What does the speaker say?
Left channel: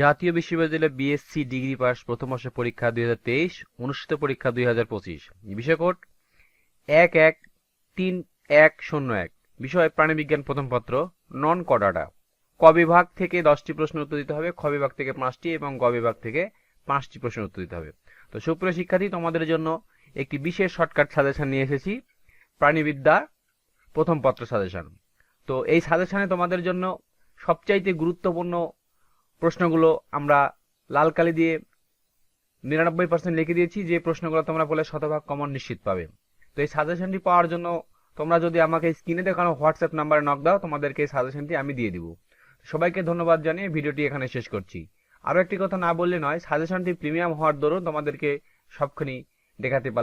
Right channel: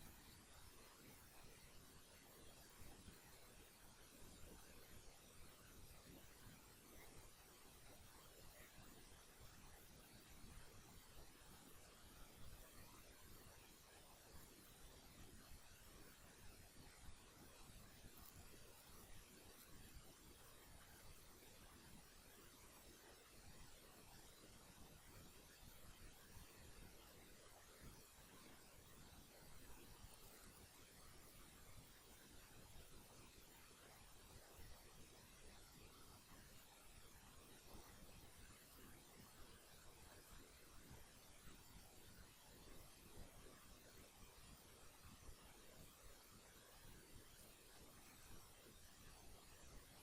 জাতীয় বিশ্ববিদ্যালয় BSc degree pass প্রথম বর্ষ পরীক্ষা দুই হাজার তেইশ, অনুষ্ঠিত পরীক্ষা দুই হাজার পঁচিশ। বিষয় কোড? এক এক তিন এক শূন্য এক। বিষয় প্রাণীবিজ্ঞান প্রথম পত্র নন কডাটা ক বিভাগ থেকে দশটি প্রশ্ন উত্তর দিতে হবে, খ বিভাগ থেকে পাঁচটি এবং গ বিভাগ থেকে পাঁচটি প্রশ্ন উত্তর দিতে হবে। তো সুপ্রিয় শিক্ষার্থী, তোমাদের জন্য একটি বিশেষ শর্টকাট সাজেশন নিয়ে এসেছি, প্রাণীবিদ্যা প্রথম পত্র সাজেশন তো এই সাজেশনে তোমাদের জন্য সবচাইতে গুরুত্বপূর্ণ প্রশ্নগুলো আমরা লাল কালি দিয়ে নিরানব্বই পার্সেন্ট লিখে দিয়েছি, যে প্রশ্নগুলো তোমরা বলে শতভাগ কমন নিশ্চিত পাবে। তো এই সাজেশনটি পাওয়ার জন্য তোমরা যদি আমাকে স্ক্রিনে দেখানো হোয়াটসঅ্যাপ নাম্বারে নক দাও, তোমাদেরকে এই সাজেশনটি আমি দিয়ে দিব। সবাইকে ধন্যবাদ জানিয়ে ভিডিওটি এখানে শেষ করছি। আরও একটি কথা না বললে নয় সাজেশনটি প্রিমিয়াম হওয়ার দরুন তোমাদেরকে সবখানি দেখাতে পারলাম।